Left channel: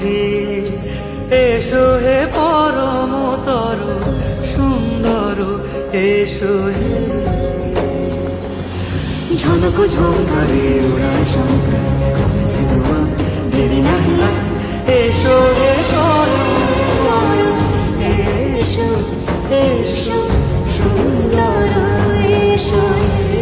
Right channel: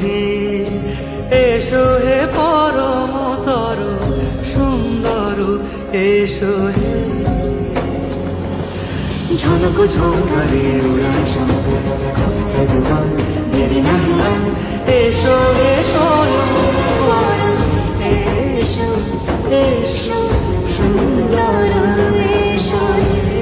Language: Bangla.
হে, এসো হে পরমতর সুন্দর, এসো হে। ঝনক ঝঙ্কারে উড়ায় শঙ্কারে কমেছে দুয়ার, দেরি নাহি আর, এসো হে স্বয়ং পরম, এসো এসো সুন্দর, এসো হে।